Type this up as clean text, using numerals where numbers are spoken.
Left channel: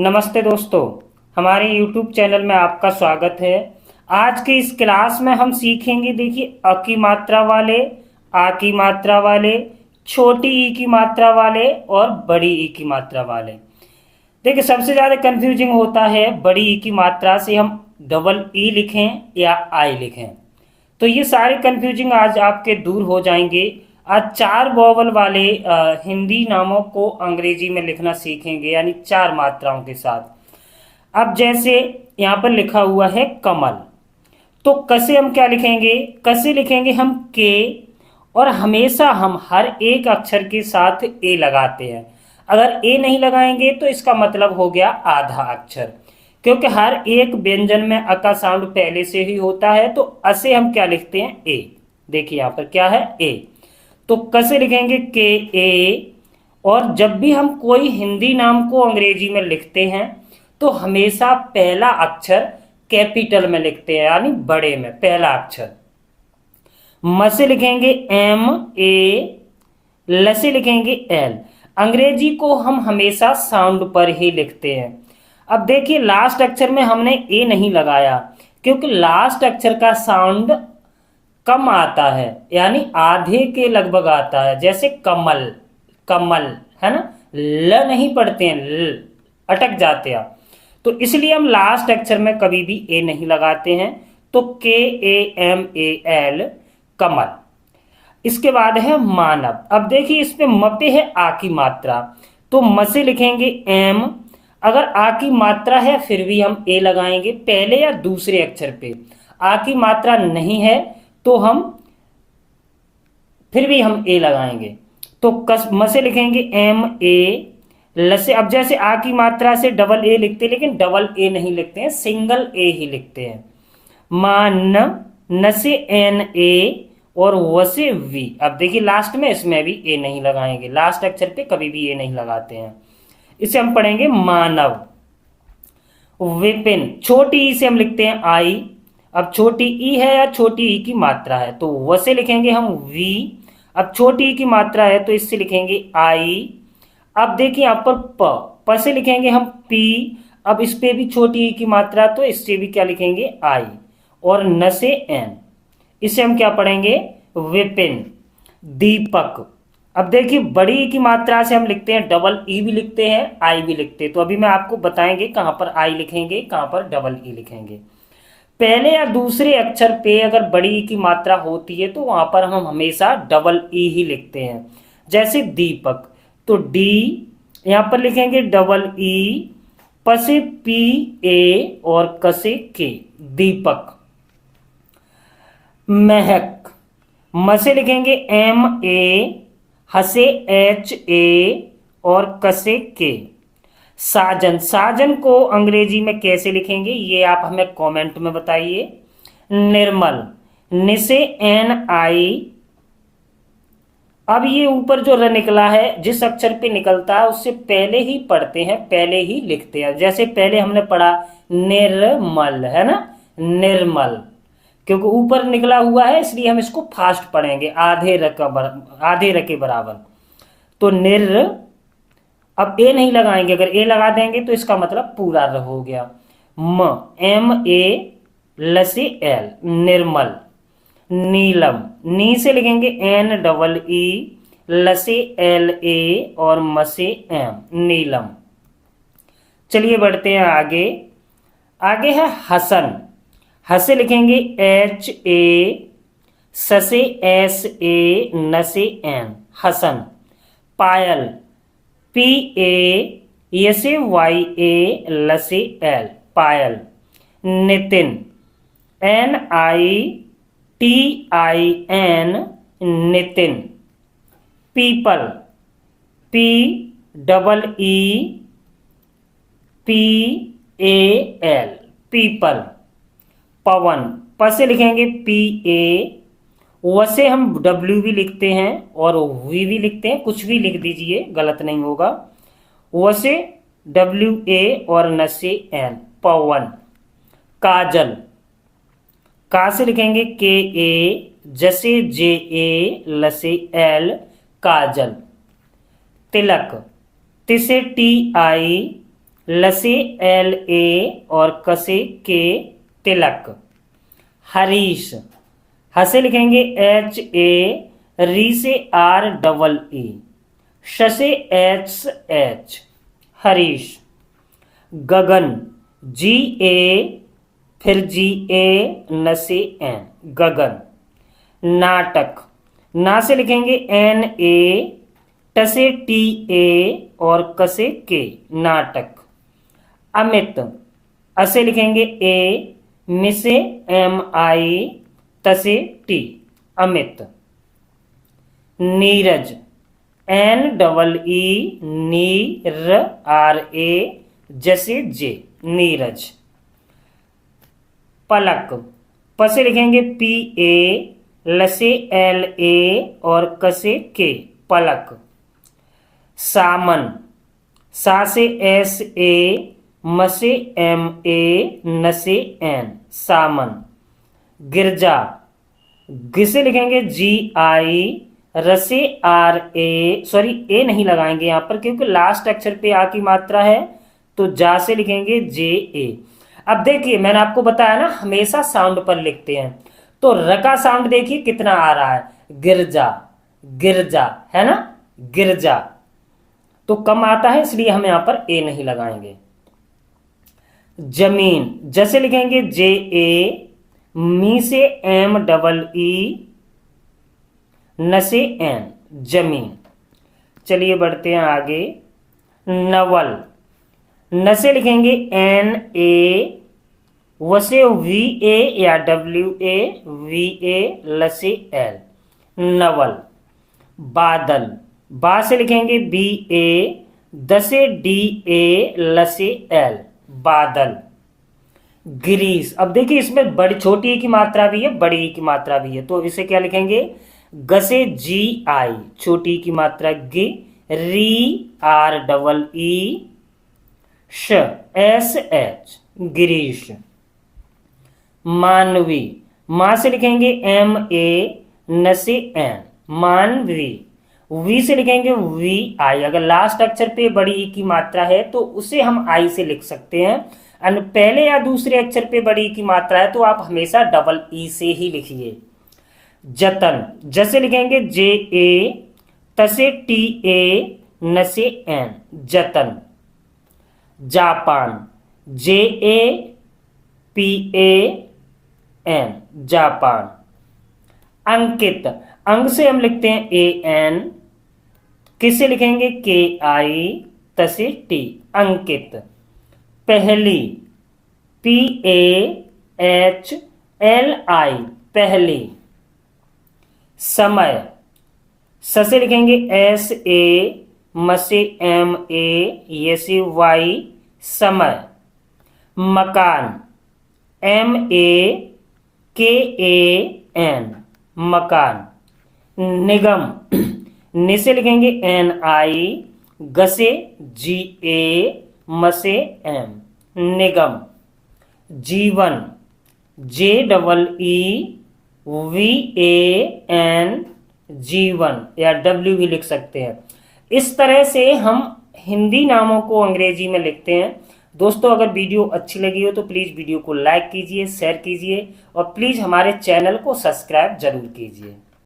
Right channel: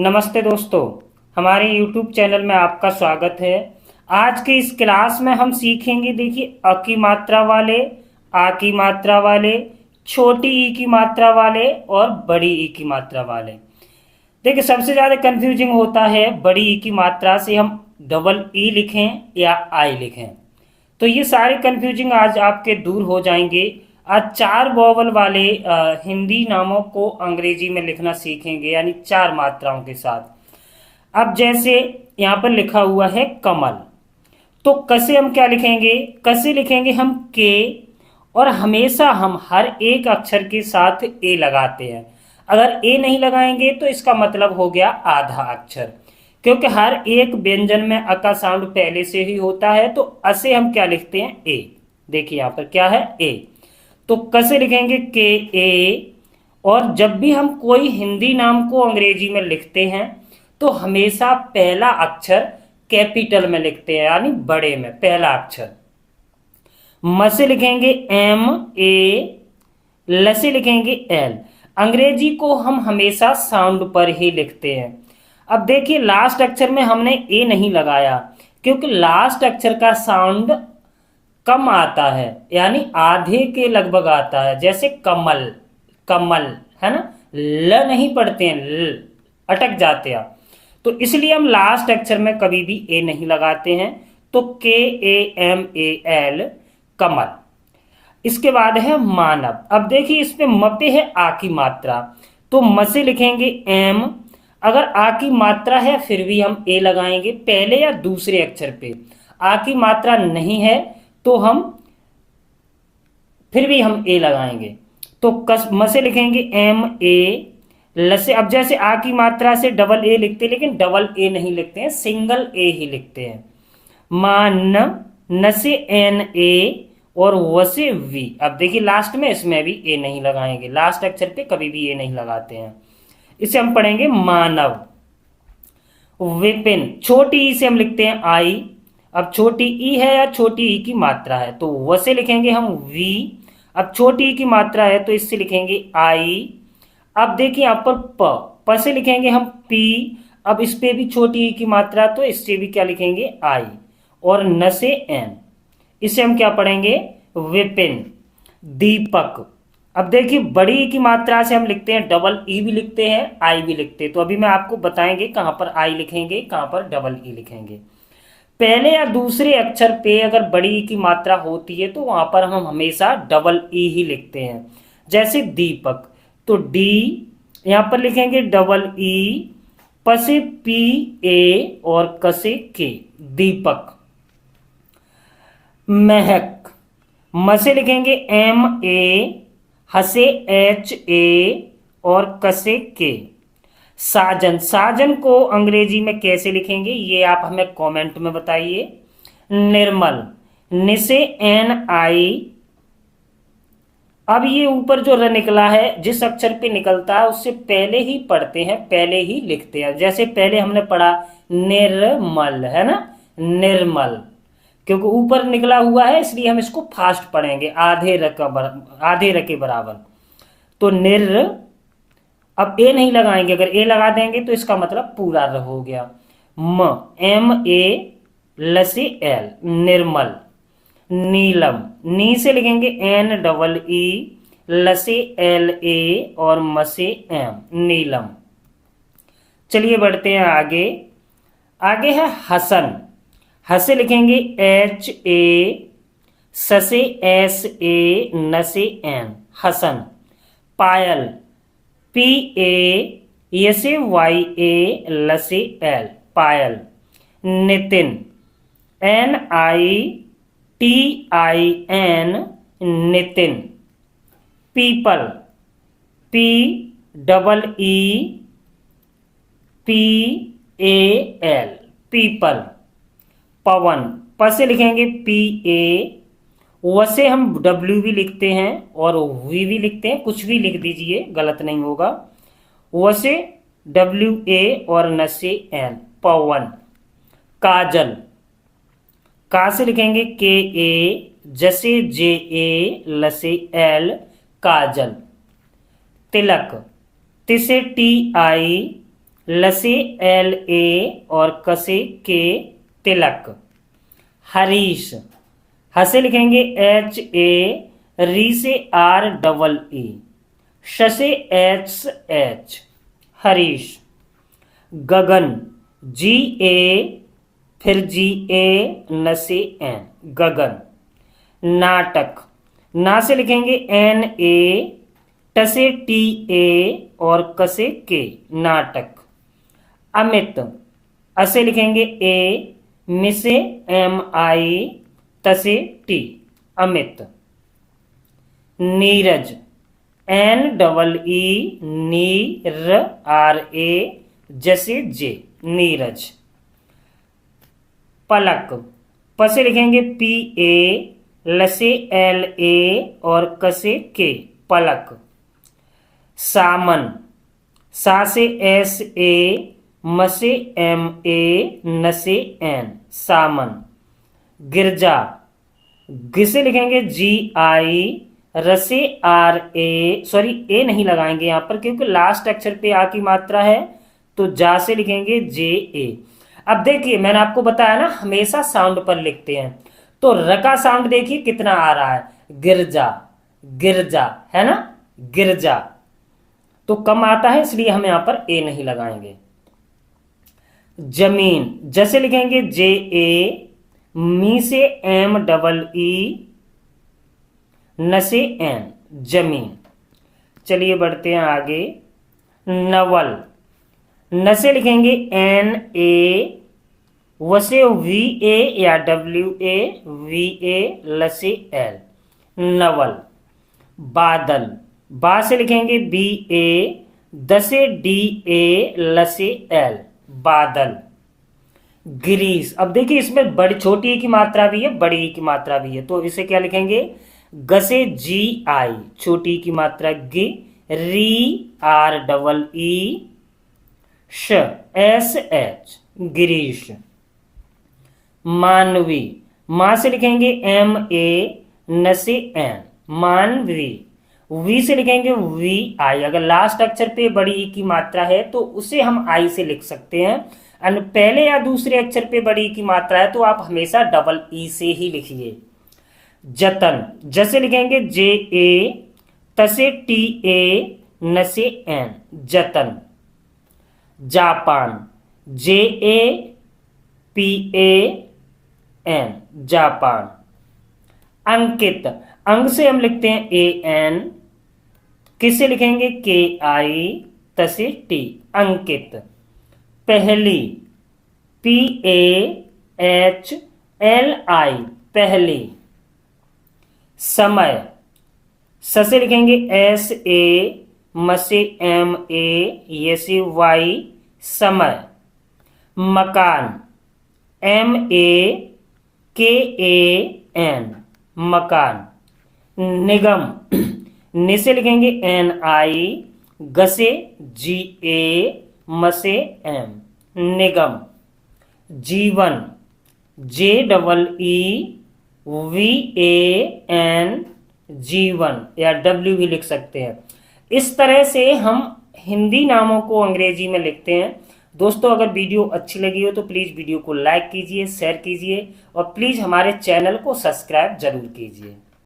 नमस्ते दोस्तों, हमारे YouTube चैनल में आपका स्वागत है। आज की इस क्लास में हम सीखेंगे, देखिए, अ की मात्रा वाले, आ की मात्रा वाले, छोटी ई की मात्रा वाले और बड़ी ई की मात्रा वाले। देखिए, सबसे ज्यादा कंफ्यूजिंग होता है बड़ी ई की मात्रा से हम डबल ई लिखें या आई लिखें। तो ये सारी कंफ्यूजिंग आज आपके दूर हो जाएंगे। आज चार वोवल वाले हिंदी नामों को अंग्रेजी में लिखना सीखेंगे, यानी चार मात्राओं के साथ। अब जैसे यहाँ पर लिखा हुआ है कमल, तो कसे हम क्या लिखेंगे? कसे लिखेंगे हम के, और हमेशा हम हर एक अक्षर के साथ ए लगाते हैं। अगर ए नहीं लगाएंगे तो इसका मतलब हो गया आधा अक्षर, क्योंकि हर एक व्यंजन में अ का साउंड पहले से ही होता है। तो असे हम क्या लिखते हैं? ए। देखिए यहाँ पर क्या है? ए। तो कसे लिखेंगे के ए। और जब भी हम कोई हिंदी नाम को अंग्रेजी में लिखते हैं तो हमेशा पहला अक्षर कैपिटल में लिखते हैं, यानी बड़े में पहला अक्षर। म से लिखेंगे एम ए, ल से लिखेंगे एल। अंग्रेजी को हम हमेशा साउंड पर ही लिखते हैं। अब देखिए, लास्ट अक्षर में हमने ए नहीं लगाया, क्योंकि लास्ट अक्षर का साउंड कम आता है, यानी आधे के लगभग आता है। जैसे कमल, कमल है ना, ल नहीं पढ़ते हैं, ल अटक जाते हैं। तो इसलिए हम लास्ट अक्षर में कभी भी ए नहीं लगाते हैं। तो के ए एम ए एल, कमल। इसके बाद है मानव। अब देखिए, इस पे म पे है आ की मात्रा, तो म से लिखेंगे एम। अगर आ की मात्रा है फिर भी हम ए लगाएंगे, पहले या दूसरे अक्षर पे। आ की मात्रा नहीं है तो हम फिर भी हम ए लगाएंगे। तो म से लिखेंगे एम ए, ल से, अब जैसे आ की मात्रा से डबल ए लिखते हैं, लेकिन डबल ए नहीं लिखते हैं, सिंगल ए ही लिखते हैं। मान, न से एन ए, और व से वी। अब देखिए, लास्ट में इसमें भी ए नहीं लगाएंगे, लास्ट अक्षर पे कभी भी ए नहीं लगाते हैं। इसे हम पढ़ेंगे मानव। विपिन, छोटी ई से हम लिखते हैं आई। अब छोटी ई है या छोटी ई की मात्रा है, तो व से लिखेंगे हम वी। अब छोटी ई की मात्रा है तो इससे लिखेंगे आई। अब देखिए यहाँ पर प से लिखेंगे हम पी। अब इस पे भी छोटी ई की मात्रा, तो इससे भी क्या लिखेंगे? आई। और न से एन, इसे हम क्या पढ़ेंगे? विपिन। दीपक। अब देखिए, बड़ी ई की मात्रा से हम लिखते हैं डबल ई भी लिखते हैं, आई भी लिखते हैं। तो अभी मैं आपको बताएंगे कहां पर आई लिखेंगे, कहां पर डबल ई लिखेंगे। पहले या दूसरे अक्षर पे अगर बड़ी ई की मात्रा होती है तो वहां पर हम हमेशा डबल ई ही लिखते हैं। जैसे दीपक, तो डी यहां पर लिखेंगे डबल ई, प से पी ए और क से के, दीपक। महक, म से लिखेंगे एम ए, ह से एच ए और क से के। साजन, साजन को अंग्रेजी में कैसे लिखेंगे ये आप हमें कमेंट में बताइए। निर्मल, नि से एन आई। अब ये ऊपर जो र निकला है, जिस अक्षर पे निकलता है उससे पहले ही पढ़ते हैं, पहले ही लिखते हैं। जैसे पहले हमने पढ़ा निर्मल, है ना, निर्मल, क्योंकि ऊपर निकला हुआ है इसलिए हम इसको फास्ट पढ़ेंगे, आधे र के बराबर। तो निर, अब ए नहीं लगाएंगे, अगर ए लगा देंगे तो इसका मतलब पूरा र हो गया। म, एम ए, ल से एल, निर्मल। नीलम, नी से लिखेंगे एन डबल ई, ल से एल ए और म से एम, नीलम। चलिए बढ़ते हैं आगे। आगे है हसन। ह से लिखेंगे एच ए, स से एस ए, न से N, Hasan. Payal, P A, य से वाई ए, ल से L, Payal. Nitin, N I T I N, Nitin. पीपल, P double E P A L, पीपल। पवन, प से लिखेंगे पी ए, व से हम डब्ल्यू भी लिखते हैं और वी भी लिखते हैं, कुछ भी लिख दीजिए, गलत नहीं होगा। व से डब्ल्यू ए और न से एन, पवन। काजल, का से लिखेंगे के ए, ज से जे ए, ल से एल, काजल। तिलक, ति से टी आई, लसे LA और कसे के तिलक। हरीश, हसे लिखेंगे HA, री से REE, शसे HH, हरीश। गगन, GA फिर GA नसे N, गगन। नाटक, ना से लिखेंगे NA, टसे TA और कसे के, नाटक। अमित, असे लिखेंगे A, मिसे MI, तसे T, अमित। नीरज, NEE, नीर RA, जैसे J, नीरज। पलक, पसे लिखेंगे PA, लसे LA और कसे के, पलक। सामन, सा से SA, मसे MA, नसे N, सामन। गिरजा, गिसे लिखेंगे GI, रसे RA, सॉरी ए नहीं लगाएंगे यहां पर क्योंकि लास्ट अक्षर पे आ की मात्रा है, तो जा से लिखेंगे JA। अब देखिए मैंने आपको बताया ना हमेशा साउंड पर लिखते हैं, तो र का साउंड देखिए कितना आ रहा है, गिरजा, गिरजा, है ना, गिरजा, तो कम आता है इसलिए हम यहां पर ए नहीं लगाएंगे। जमीन, जैसे लिखेंगे JA, मी से MEE, न से N, जमीन। चलिए बढ़ते हैं आगे। नवल, न से लिखेंगे NA, वसे VA या WA, VA लसे L, नवल। बादल, बा से लिखेंगे BA, दसे DA लसे L, बादल। गिरीश, अब देखिए इसमें बड़ी छोटी की मात्रा भी है, बड़ी की मात्रा भी है, तो इसे क्या लिखेंगे, गसे GI, छोटी की मात्रा गी, री REE, श SH, गिरीश। मानवी, मां से लिखेंगे MA, न से N, मानवी। वी से लिखेंगे VI, अगर लास्ट अक्षर पे बड़ी ई की मात्रा है तो उसे हम आई से लिख सकते हैं, और पहले या दूसरे अक्षर पे बड़ी ई की मात्रा है तो आप हमेशा डबल ई से ही लिखिए। जतन, जैसे लिखेंगे JA, तसे TA, न से N, जतन। Japan, JA PA N, Japan. Ankit, अंक से हम लिखते हैं AN, किसे लिखेंगे KI, तसे T, अंकित। पहली, PAHLI, पहली। समय, स से लिखेंगे SA, मसे MA, यसे Y, समय। मकान, MAKAN, मकान। निगम, नि से लिखेंगे NI, गसे GA, मसे M, निगम। जीवन, JEEVAN, जीवन, या W भी लिख सकते हैं। इस तरह से हम हिंदी नामों को अंग्रेजी में लिखते हैं। दोस्तों अगर वीडियो अच्छी लगी हो तो प्लीज वीडियो को लाइक कीजिए, शेयर कीजिए और प्लीज हमारे चैनल को सब्सक्राइब जरूर कीजिए।